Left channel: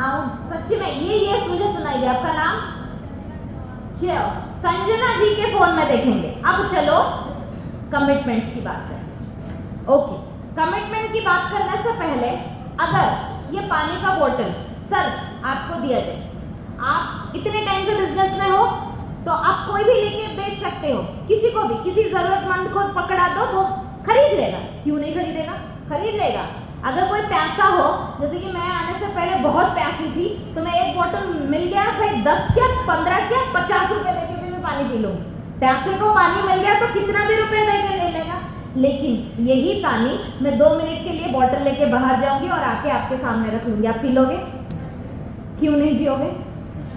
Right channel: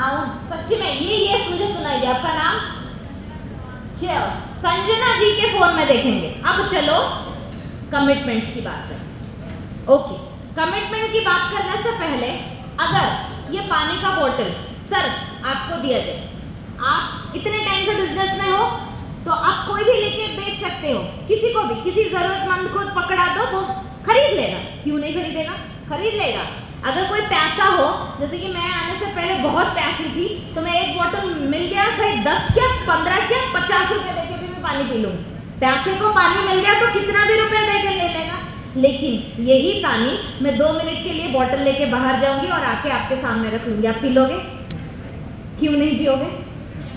आओ सच्ची में ये मुझे सुनाइए। आपका नाम? चलो संजना जी के फोन में देखेंगे। अब चलो कमिटमेंट्स की बात करें। ओके, कमिटमेंट की बात करने से पहले अगर ये पानी का बोतल सर आपको दिया जाए, आप इतने टाइम से बिजनेस में हो तो आप कोई भी लेके बेच सकते हो, किसी को भी, किसी जरूरतमंद को पकड़ा दो वो खरीद लेगा। क्यों नहीं खरीदेगा? खरीद लेगा। अगर कोई प्यासा हो, जैसे कि मैं आने से पहले बहुत प्यासी थी, तो मैं एक बोतल मिल गया भाई 10 क्या 15 क्या 50 रुपए देके भी मैं पानी पी लूँ। प्यासे को पानी मिल गया तो कितना भी रुपए देके ले लेगा। लेकिन यही पानी मैं 2 मिनट के लिए बोतल लेके बाहर जाऊंगी और आके आपके सामने रखूंगी, आप पी लोगे? क्यों नहीं पियोगे?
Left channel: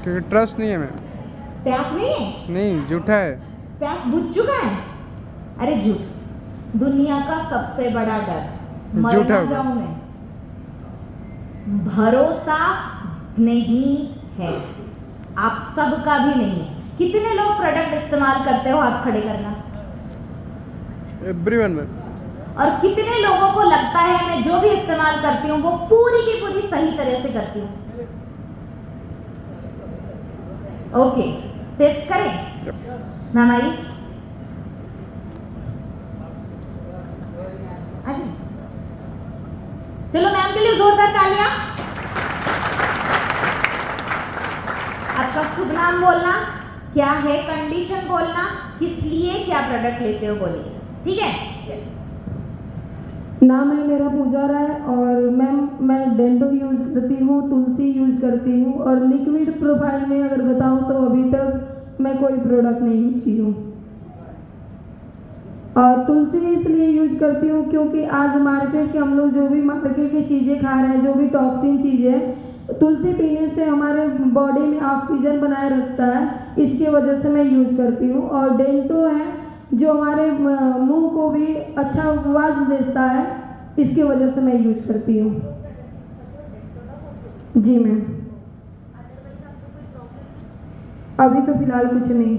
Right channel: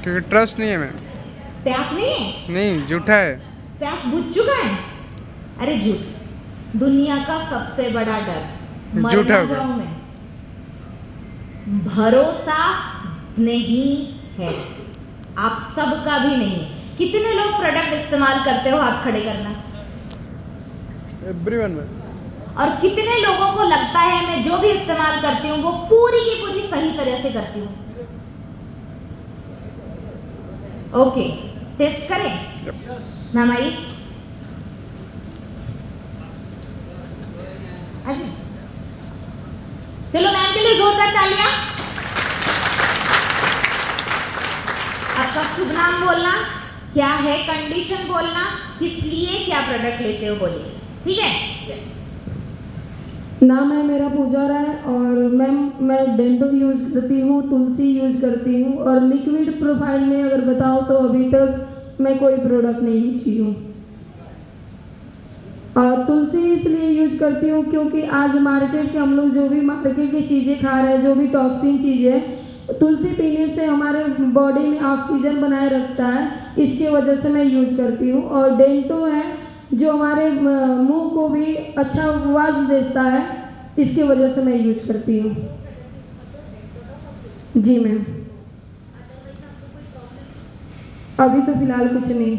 क्योंकि ट्रस्ट नहीं है मैम। प्यास नहीं है? नहीं, झूठा है। प्यास बुझ चुका है? अरे झूठ, दुनिया का सबसे बड़ा डर झूठा मरना जाऊं मैं, भरोसा नहीं है। आप सबका भी नहीं। कितने लोग प्रोडक्ट इस्तेमाल करते हो? हाथ खड़े करना। एवरीवन। और कितने लोगों को लगता है मैं जो भी इस्तेमाल करती हूँ वो पूरी की पूरी सही तरह से करती हूँ? ओके, टेस्ट करें मैम? आई अच्छा, चलो मैम के लिए जोरदार तालियां। आपका शुभ नाम बोलना, क्या है कंडीशन बोलना, किस लिए क्या प्रोडक्ट लेते हो बोलिए, ठीक है? नाम है मेरा पूजा राय और मैं डेंटो यूज़ करती हूँ, तुलसी यूज़ करती हूँ और लिक्विड प्रोफाइल में अगर बताऊँ तो अभी तक मैं कोई प्रोडक्ट नहीं यूज की हूँ। और तुलसी इसलिए यूज करती हूँ क्योंकि आज मार्केट के हम लोग जो भी मार्केट की चीज़ें खा रहे हैं, जो भी टॉक्सिन चीज़ें, तुलसी पीने से हमारे बॉडी में ऑक्सीजन बनाए रखता है, इसके वजह से मैं यूज करती हूँ। और डेंटो है जो हमारे मुंह को भी अच्छा आवाज देता है, इसकी वजह से मैं यूज करती हूँ। जी मैम, अभी तो फिलहाल कुछ नहीं,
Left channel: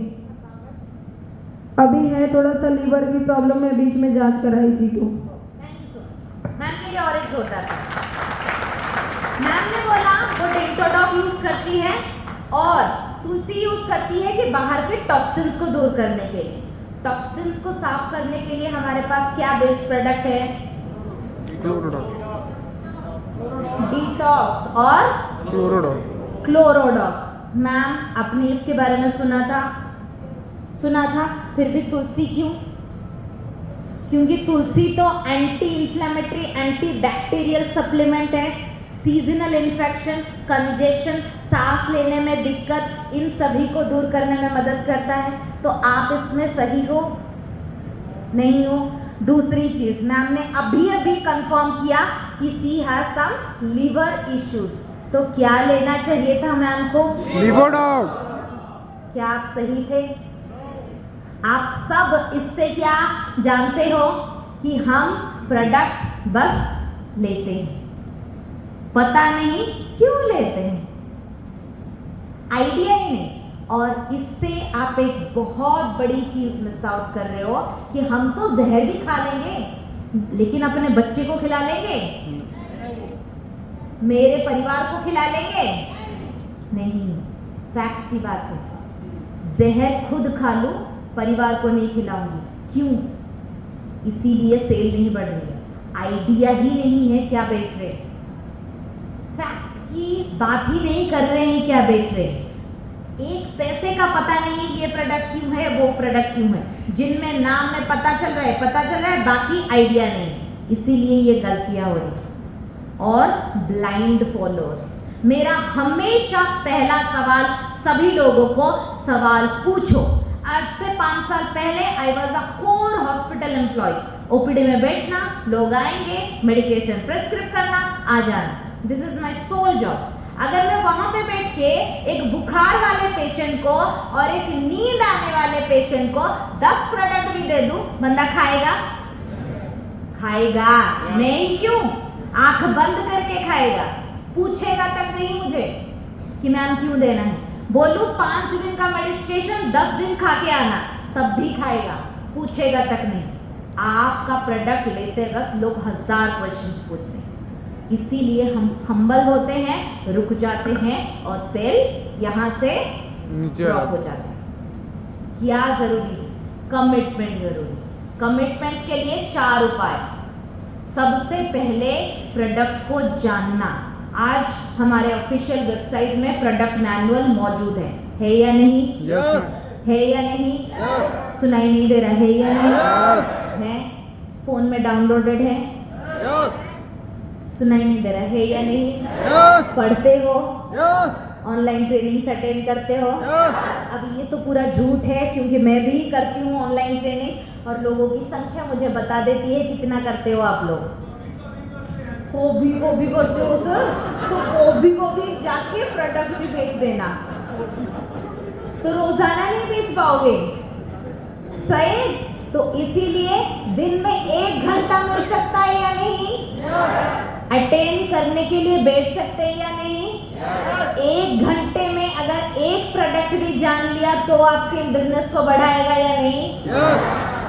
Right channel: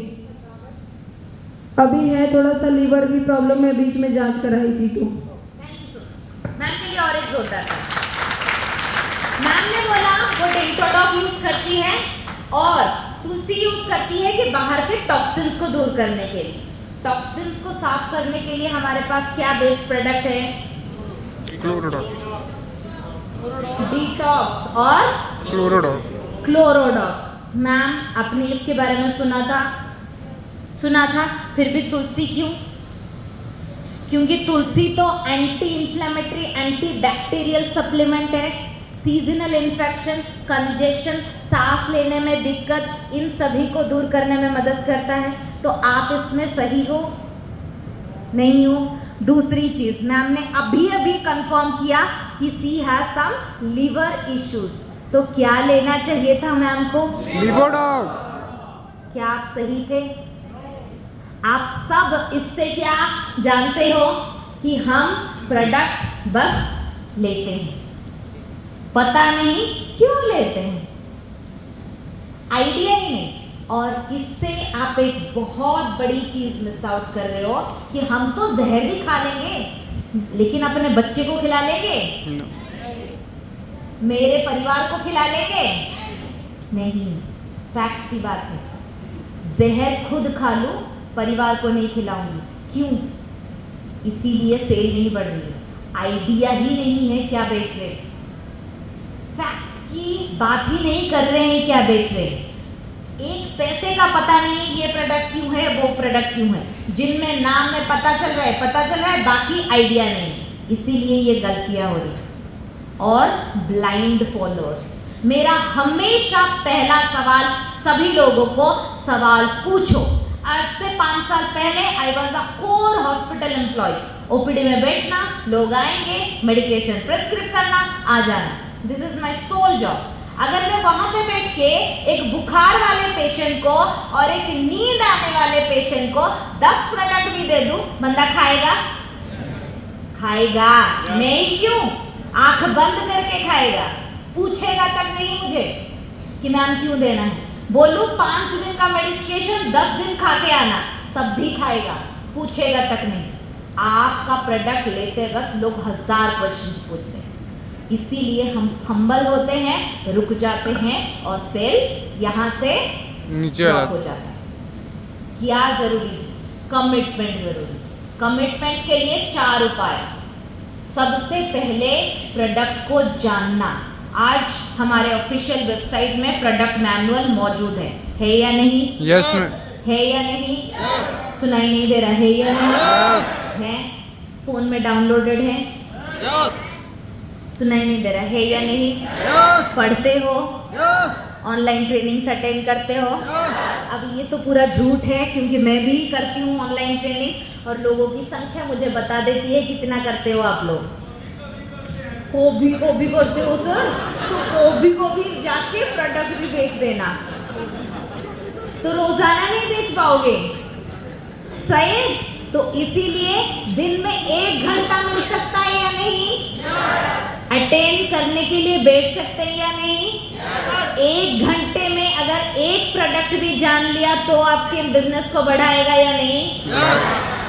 अभी है थोड़ा सा लीवर की प्रॉब्लम में, बीच में जांच कराई थी तो। मैम के लिए ऑरेंज होता है। मैम ने बोला वो डेंटोडॉक यूज करती है और तुलसी यूज करती है कि बाहर के टॉक्सिन्स को दूर करने के लिए। टॉक्सिन्स को साफ करने के लिए हमारे पास क्या बेस्ड प्रोडक्ट है? क्लोरोडॉक, डिटॉक्स और क्लोरोडॉक। मैम आपने इसके बारे में सुना था, फिर भी तुलसी क्यों? क्योंकि तुलसी तो anti inflammatory, anti bacterial supplement है। सीजनल इन्फेक्शन, कंजेशन, सांस लेने में दिक्कत, इन सभी को दूर करने में मदद करता है। तो आप इसमें सही हो? नहीं हो? दूसरी चीज, मैम ने अभी कंफर्म किया कि सी हैज सम लिवर इश्यूज, तो क्या लेना चाहिए था मैम को? लिवोडॉक। क्या आप सही थे? आप सब इससे क्या जानते हो कि हम प्रोडक्ट बस लेते हैं, पता नहीं क्यों लेते हैं, आइडिया ही नहीं। और इससे आप एक बहुत बड़ी चीज मिस आउट कर रहे हो कि हम तो जहर भी खा लेंगे लेकिन अपने बच्चे को खिला लेंगे, मेरे परिवार को खिला लेंगे नहीं। फैक्ट्स की बात है, जहर खुद खा लूं, परिवार को नहीं खिलाऊंगी। क्यों? इसीलिए सेल नहीं बढ़ रही है, आइडिया ही नहीं है क्या बेच रहे, फैक्ट की बात ही नहीं कर रहे हैं क्या बेच रहे, एक पैसे का पता नहीं ये प्रोडक्ट क्यों है, वो प्रोडक्ट क्यों है। जिनमें नाम में पता चल रहा है, बाकी आइडिया नहीं, इसीलिए ये गलतियां हो रही। और ब्लाइंड फॉलोअर्स। मेरा हमेशा पहला सवाल सभी लोगों को सवाल पूछो। आज से 5 साल पहले I was a core hospital employ. OPD में बैठना, लोग आएंगे, मेडिकेशन प्रेस्क्रिप्ट करना, आ जाना, this is my sole job. अगर मैं वहां पे बैठ के एक बुखार वाले पेशेंट को और एक नींद आने वाले पेशेंट को 10 प्रोडक्ट भी दे दूं, बंदा खाएगा? खाएगा नहीं। क्यों? आंख बंद करके खाएगा, पूछेगा तक नहीं मुझे कि मैम क्यों देना है। बोलूं 5 दिन का मेडिकेशन 10 दिन खा के आना, तब भी खाएगा, पूछेगा तक नहीं। आपका प्रोडक्ट लेते वक्त लोग 1000 क्वेश्चंस पूछते हैं। इसीलिए हम हम्बल होते हैं, रुक जाते हैं और सेल यहाँ से नीचे ड्रॉप हो जाता है। क्या जरूरी? कमिटमेंट जरूरी। कमिटमेंट के लिए 4 उपाय। सबसे पहले प्रोडक्ट को जानना। आज हमारे ऑफिशियल वेबसाइट में प्रोडक्ट मैनुअल मौजूद है या नहीं? यस है या नहीं? सुनाई नहीं दे रहा है या नहीं? है? फोन में डाउनलोडेड है? सुनाई नहीं दे रहा है या नहीं? पढ़ते हो? ऑनलाइन ट्रेनिंग्स अटेंड करते हो? अब ये तो पूरा झूठ है, क्योंकि मैं भी करती हूँ ऑनलाइन ट्रेनिंग और लोगों की संख्या मुझे बता देती है कितना करते हो आप लोग। को भी करते हो सर, तो को भी जाके प्रोडक्ट भी बेच देना, तो रोजाना नहीं बेच पाओगे। सही? तो इसीलिए दिन में 1 घंटा मिल सकता है या नहीं? अटेंड करने के लिए बैठ सकते हैं या नहीं? 1 घंटे में अगर एक प्रोडक्ट भी जान लिया तो आपके बिजनेस को बढ़ाएगा या नहीं?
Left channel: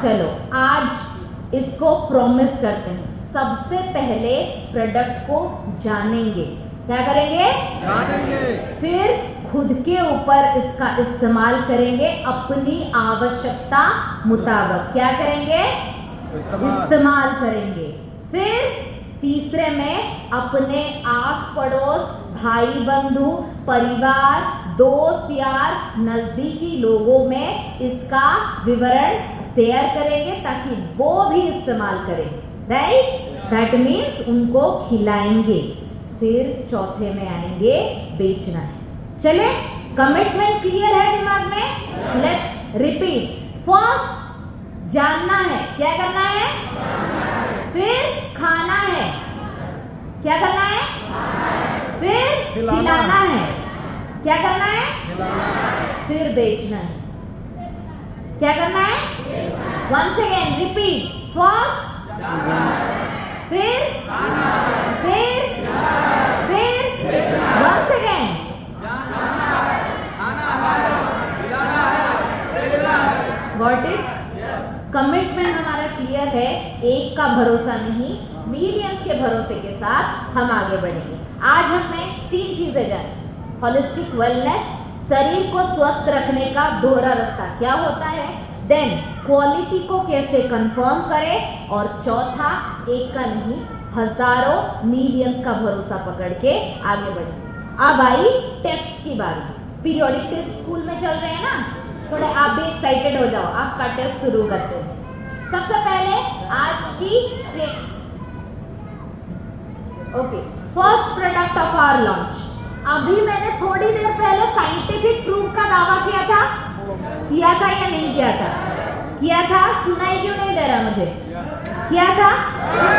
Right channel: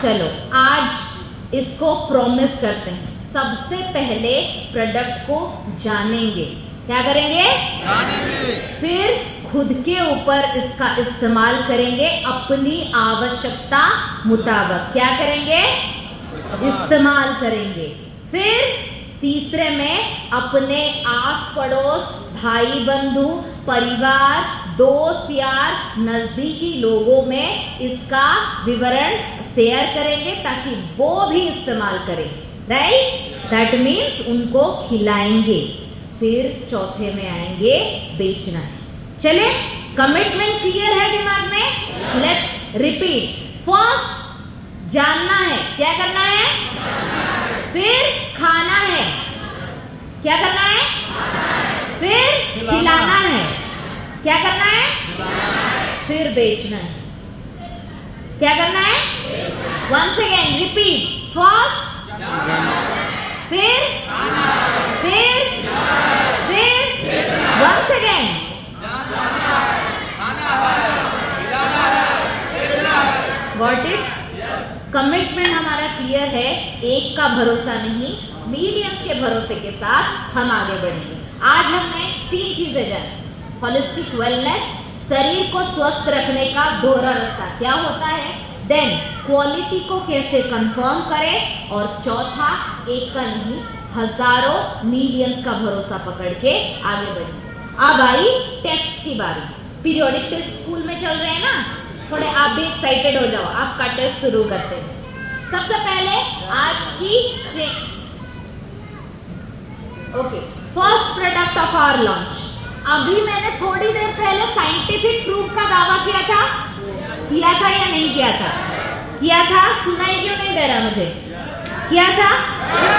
चलो आज इसको प्रॉमिस करते हैं, सबसे पहले प्रोडक्ट को जानेंगे। क्या करेंगे? जानेंगे। फिर खुद के ऊपर इसका इस्तेमाल करेंगे अपनी आवश्यकता मुताबिक। क्या करेंगे? इस्तेमाल करेंगे। फिर तीसरे में अपने आस पड़ोस, भाई बंधु, परिवार, दोस्त यार, नजदीकी लोगों में इसका विवरण शेयर करेंगे ताकि वो भी इस्तेमाल करें। राइट? दैट मीन्स उनको खिलाएंगे। फिर चौथे में आएंगे बेचना है। चले, कमिटमेंट क्लियर है दिमाग में? Let's repeat. फर्स्ट जानना है, क्या करना है? फिर खाना है, क्या करना है? फिर खिलाना है, क्या करना है? फिर बेचना है, क्या करना है? Once again repeat. फर्स्ट, फिर once again. Got it? Commitment हमारा क्लियर है। एक का भरोसा नहीं, मिलियंस के भरोसे के साथ हम आगे बढ़ेंगे। आज हमने 3 चीजें जानी। होलिस्टिक वेलनेस, शरीर को स्वस्थ रखने का दोहरा रास्ता क्या होता है, देन क्वालिटी को कैसे कंफर्म करें, और चौथा एक का नहीं हजारों मिलियंस का भरोसा पकड़ के आगे बढ़ेंगे। अब आई टेस्ट की बारी। पीरियोडिक टेस्ट स्कूल में चल रहे हैं ना, थोड़े आप भी एक्साइटेड हो जाओ। आपका टेस्ट शुरू करते हैं। सबसे पहले आज की okay, first product of our launch. अभी मैंने थोड़ी देर पहले साइंटिफिक प्रूफ का दावा किया था या नहीं किया था? किया था। सुनाई क्यों नहीं दे रहा मुझे? किया था।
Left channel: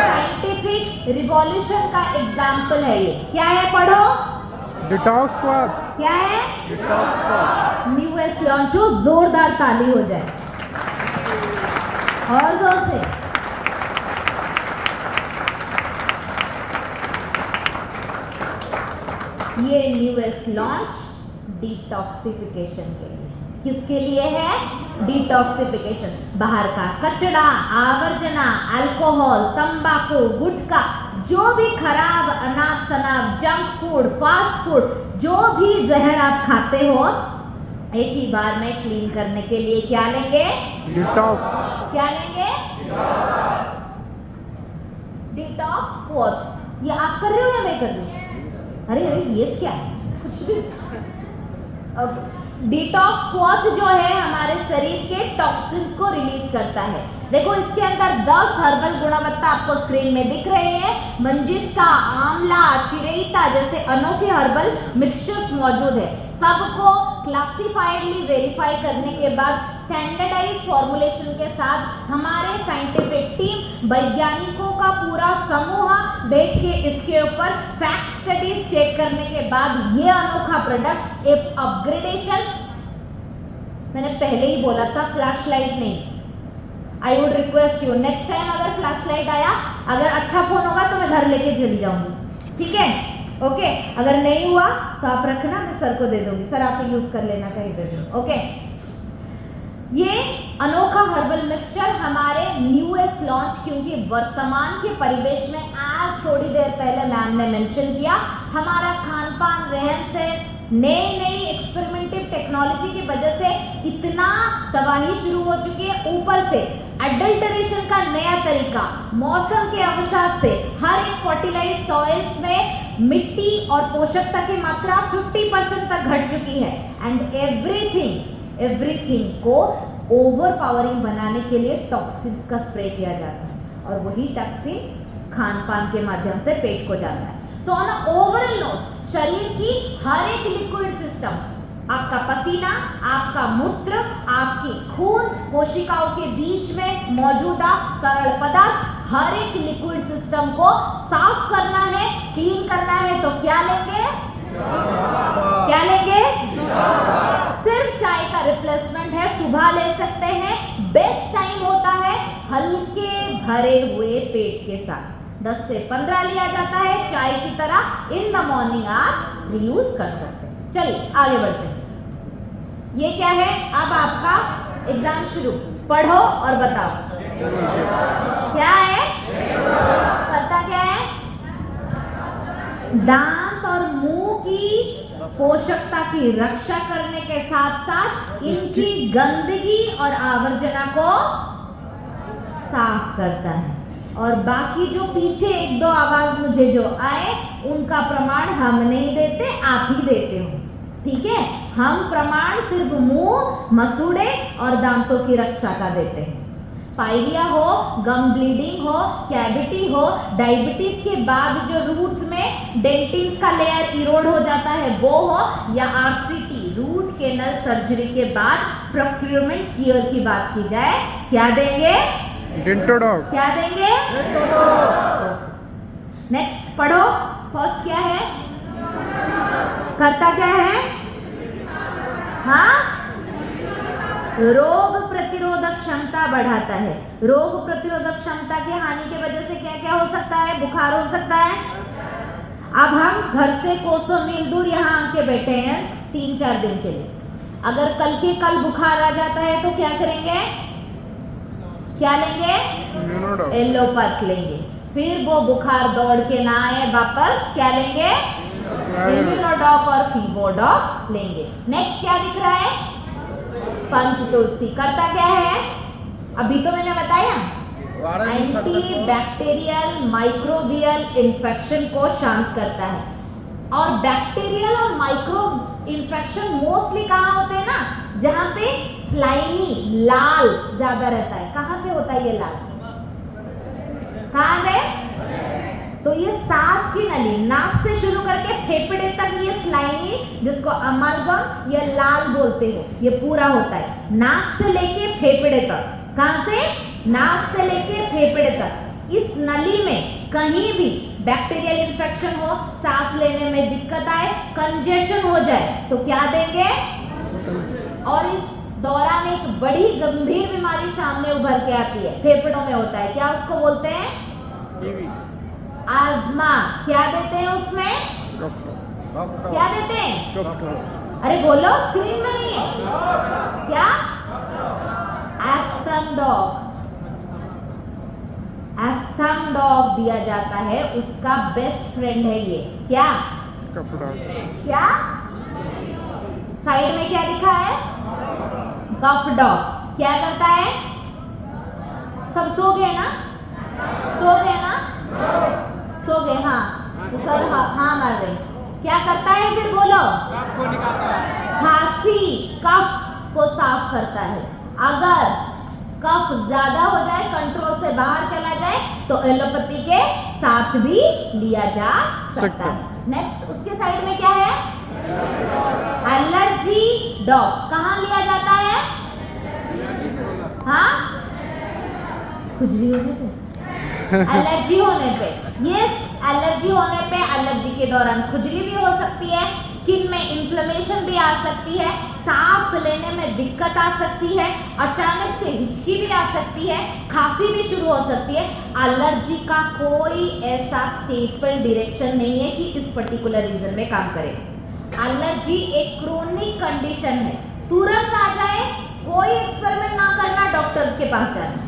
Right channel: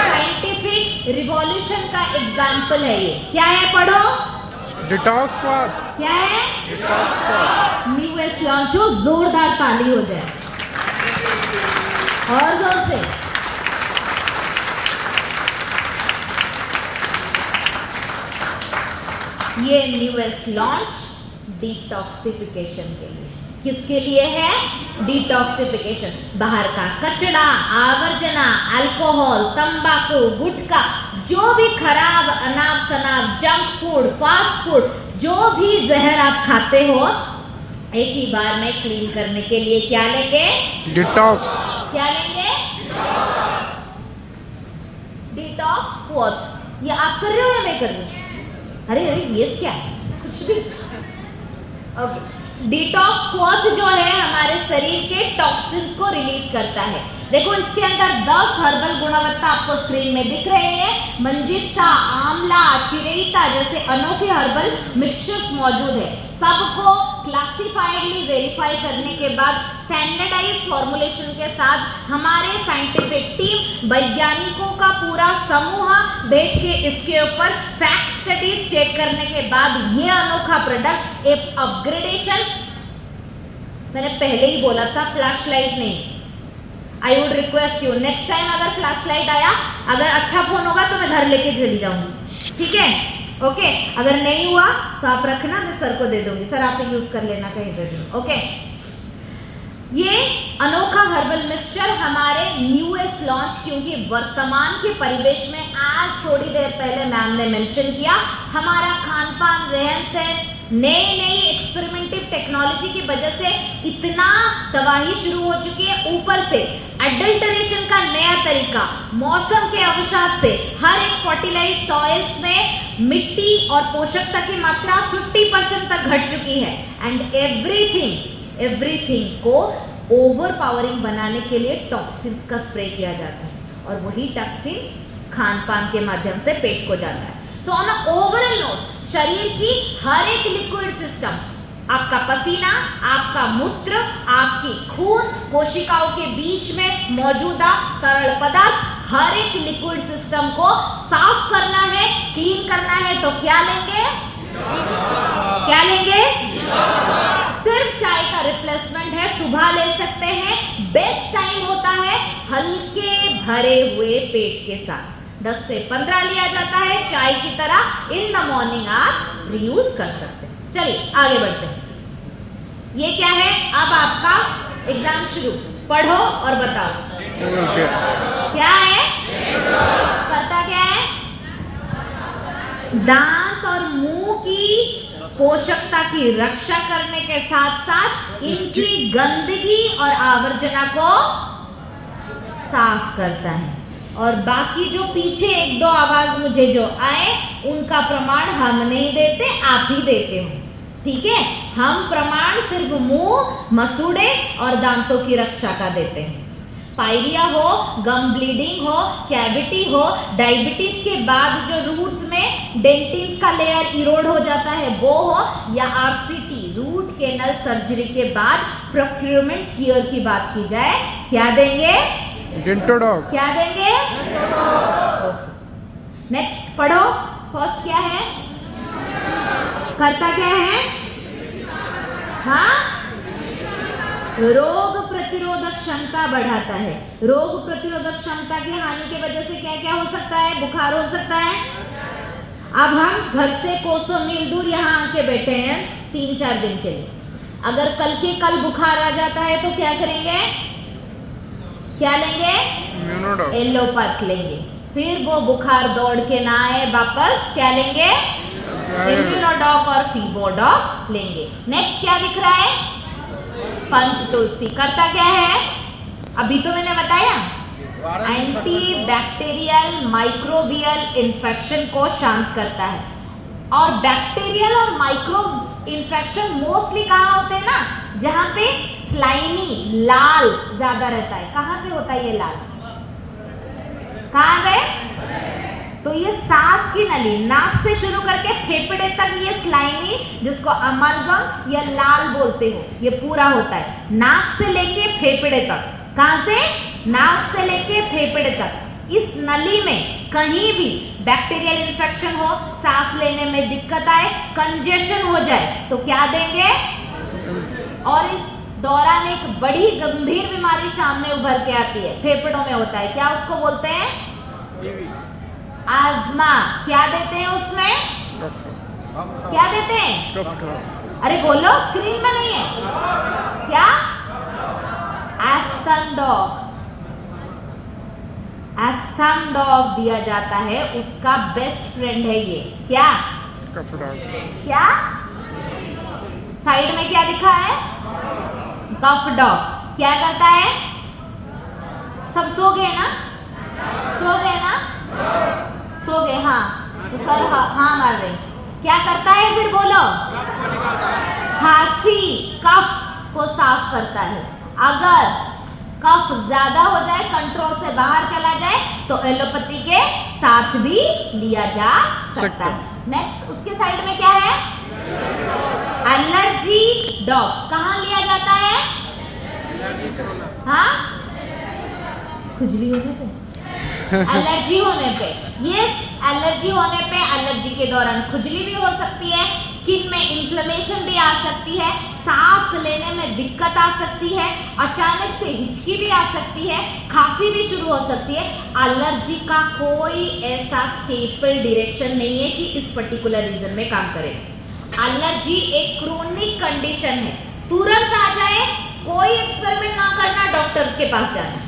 साइंटिफिक रिवॉल्यूशन का एग्जाम्पल है ये। क्या है? पढ़ो। Detox squad. क्या है? Detox squad. New west launch हो, जोरदार ताली हो जाए और जोर से। ये न्यूएस्ट लॉन्च डिटॉक्सिफिकेशन के लिए। किसके लिए है? डिटॉक्सिफिकेशन। बाहर का कचरा, आवर्जना, अल्कोहल, तंबाकू, गुटखा, जो भी खराब अनाप शनाप जंक फूड, फास्ट फूड, जो भी जहर आप खाते हो, एक ही बार में क्लीन करने के लिए क्या लेंगे? डिटॉक्स। क्या लेंगे? Detox squad. ये आप कर रहे हो या मैं कर रही हूँ? अरे ये क्या है? कुछ भी। डिटॉक्स स्क्वाड जो है हमारे शरीर के टॉक्सिन्स को रिलीज करता है। देखो इसके अंदर 10 हर्बल गुणवत्ता आपको स्क्रीन में दिख रहे हैं। मंजिष्ठा, आंवला, चिरेइता जैसे अनोखे हर्बल मिक्सचर्स मौजूद है। सबको क्लासिफाइडली वेरीफाई करने के बाद स्टैंडर्डाइज फॉर्मुलेशन के साथ हमारे साइंटिफिक टीम, वैज्ञानिकों का पूरा समूह बैठ के इसके ऊपर फैक्ट स्टडीज चेक करने के बाद ये अनोखा प्रोडक्ट एक अपग्रेडेशन, मैंने पहले ही बोला था फ्लैश लाइट नहीं। I would request you next time अगर फ्लैश लाइट आया, अगर अच्छा फोन होगा तो मैं घर लेके चली जाऊंगी, ठीक है? ओके, अगर नहीं हुआ तो आप रखना, मैं सर को दे दूंगी, सर आप यूज कर लेना कहीं पे भी। ओके, ये अनोखा हर्बल मिक्सचर हमारे न्यूएस्ट लॉन्च, क्योंकि वर्तमान के परिवेश में आज थोड़ी देर पहले मैम ने मेंशन किया, हमारा खान पान, रहन सहन, नई एक्सपेरिमेंटिव टेक्नोलॉजी की वजह से इतना तबाही शुरू हो चुकी है, ऊपर से एडल्टरेशन का नया तरीका, मौसम के अवसाद से हर एक फर्टिलाइज सॉइल्स में मिट्टी और पोषकता की मात्रा 50% तक घट चुकी है, एंड एवरीथिंग को ओवर पावरिंग बनाने के लिए टॉक्सिन्स का स्प्रे किया जाता है, और वही टॉक्सिन खान पान के माध्यम से पेट को जाता है। So on a overall note, शरीर की हर एक लिक्विड सिस्टम, आपका पसीना, आपका मूत्र, आपकी खून, कोशिकाओं के बीच में मौजूदा तरल पदार्थ, हर एक लिक्विड सिस्टम को साफ करना है, क्लीन करना है, तो क्या लेंगे? क्या लेंगे? सिर्फ चाय का रिप्लेसमेंट है, सुबह ले सकते हैं। बेस्ट टाइम होता है हल्के भरे हुए पेट के साथ, 10 से 15 लिया जाता है चाय की तरह। इन द मॉर्निंग आप रीयूज कर सकते हैं। चलिए आगे बढ़ते हैं। ये क्या है? अब आपका एग्जाम शुरू, पढ़ो और बताओ क्या है, करता क्या है? दांत और मुंह की पोषकता की रक्षा करने के साथ साथ इनकी गंदगी और आवर्जना को साफ करता है, और बाकी जो पीछे एक दो आवाज मुझे जो आए उनका प्रमाण हम नहीं देते, आप ही देते हो, ठीक है? हम प्रमाण सिर्फ मुंह, मसूड़े और दांतों की रक्षा का देते हैं। पायरिया हो, गम ब्लीडिंग हो, कैविटी हो, डायबिटीज के बाद जो रूट में डेंटिन्स का लेयर इरोड हो जाता है वो हो, या आरसीटी रूट कैनल सर्जरी के बाद प्रोक्यूरमेंट केयर की बात की जाए, क्या देंगे? डेंटोडॉग। क्या देंगे? नेक्स्ट पढ़ो। फर्स्ट क्या है? करता क्या है? हाँ, रोग प्रतिरोधक क्षमता बढ़ाता है। रोग प्रतिरोधक क्षमता की हानि की वजह से क्या क्या हो सकता है? बुखार हो सकता है। अब हम घर से कोसों मील दूर यहाँ आके बैठे हैं 3-4 दिन के लिए, अगर कल के कल बुखार आ जाता है तो क्या करेंगे? क्या लेंगे? एलोपैथ लेंगे। फिर वो बुखार दौड़ के ना आए वापस, क्या लेंगे? इम्यूनोडॉक और फीबोडॉक लेंगे। नेक्स्ट क्या दिख रहा है? पंचतुलसी। करता क्या है? अभी तो मैंने बताया, एंटी बैक्टीरियल माइक्रोबियल इन्फेक्शन को शांत करता है। और बैक्टीरियल और माइक्रो इन्फेक्शन मोस्टली कहाँ होते हैं ना, जहां पे स्लाइमी लाल ज्यादा रहता है। कहाँ पे होता है ये लाल? कहाँ पे? तो ये सांस की नली, नाक से शुरू करके फेफड़े तक ये स्लाइमी, जिसको अमलगम या लाल बोलते हो, ये पूरा होता है। नाक से लेके फेफड़े तक। कहाँ से? नाक से लेके फेफड़े तक। इस नली में कहीं भी बैक्टीरियल इन्फेक्शन हो, सांस लेने में दिक्कत आए, कंजेशन हो जाए, तो क्या देंगे? और इस दौरान एक बड़ी गंभीर बीमारी सामने उभर के आती है, फेफड़ों में होता है, क्या उसको बोलते हैं? आजमा। क्या देते हैं उसमें? क्या देते हैं? अरे बोलो, स्क्रीन में नहीं है क्या? एस्थम दिया जाता है, उसका बेस्ट फ्रेंड है ये। क्या? क्या? साइड में क्या लिखा है? कफ डॉग। क्या करता है? सब सो गए ना? सो गए ना? सो गए, हाँ। सर हाँ मार रहे। क्या करता है फिर बोलो? खांसी, कफ को साफ करता है। अगर कफ ज्यादा हो जाए, कंट्रोल से बाहर चला जाए, तो एलोपैथी के साथ भी लिया जा सकता है। नेक्स्ट उसके साइड में क्या है? Allergy dog. कहाँ लिया जाता है? हाँ, खुजली होने पे, एलर्जी होने पे। यस, एलर्जी होने पे, एलर्जी के दौरान खुजली भी हो सकती है, स्किन में इन्फ्लेमेशन भी आ सकती है, सांस लेने में दिक्कत आ सकती है, अचानक से हिचकी भी आ सकती है, खांसी भी शुरू हो सकती है। एलर्जी का कोई ऐसा स्टेपल डायरेक्शन नहीं है कि इस पर्टिकुलर रीजन में काम करे। एलर्जी एक क्रोनिक कंडीशन है, तुरंत आ जाए कोई एक्सपेरिमेंट ना करना, डॉक्टर के पास जाना।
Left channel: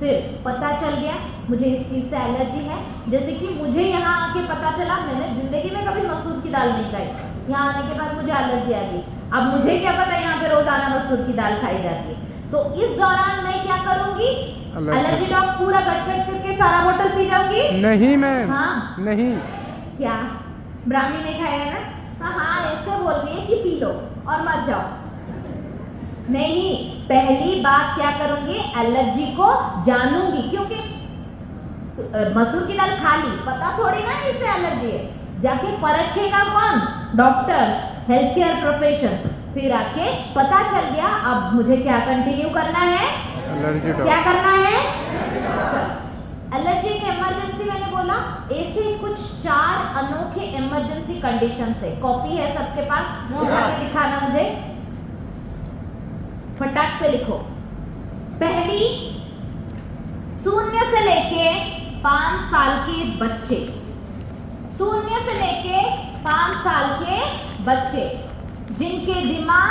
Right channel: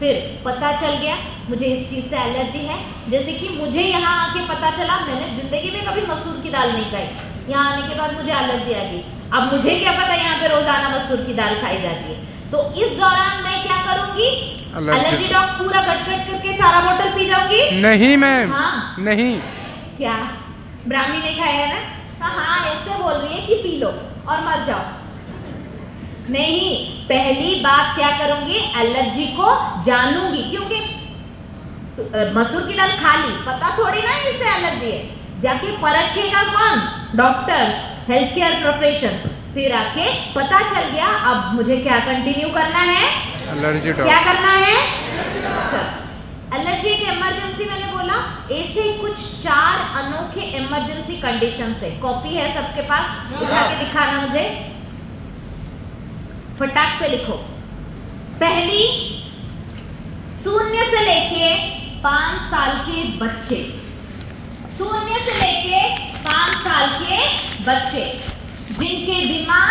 फिर पता चल गया मुझे इस चीज़ से एलर्जी है, जैसे कि मुझे यहाँ आके पता चला मैंने जिंदगी में कभी मसूर की दाल नहीं खाई, यहाँ आने के बाद मुझे एलर्जी आ गई। अब मुझे क्या पता यहाँ पे रोजाना मसूर की दाल खाई जाती है, तो इस दौरान मैं क्या करूंगी, एलर्जी ड्रॉप पूरा कट करके सारा बोतल पी जाऊंगी। नहीं मैम, हाँ नहीं। क्या ब्राह्मी नहीं खाएगा ना? हाँ ऐसे बोल रही है कि पी लो और मर जाओ। नहीं, पहली बात क्या करूंगी, एलर्जी को जानूंगी, क्योंकि मसूर की दाल खा ली, पता थोड़ी ना इससे एलर्जी है, जाके परखेगा कौन, डॉक्टर्स, हेल्थ केयर प्रोफेशंस। फिर आके पता चल गया, अब मुझे क्या कंटिन्यू करना है, एलर्जी क्या करना है। चलो, एलर्जी एक इमरजेंसी मैंने बोला, ऐसे कुछ 4 अनोखे इमरजेंसी कंडीशन है। कॉपी है सबके पास, उठा के दिखाना मुझे, फटाक से लिखो। पहली, 0 से लेके 5 साल के बच्चे, 0 से लेके 5 साल के बच्चे जिनके दिमाग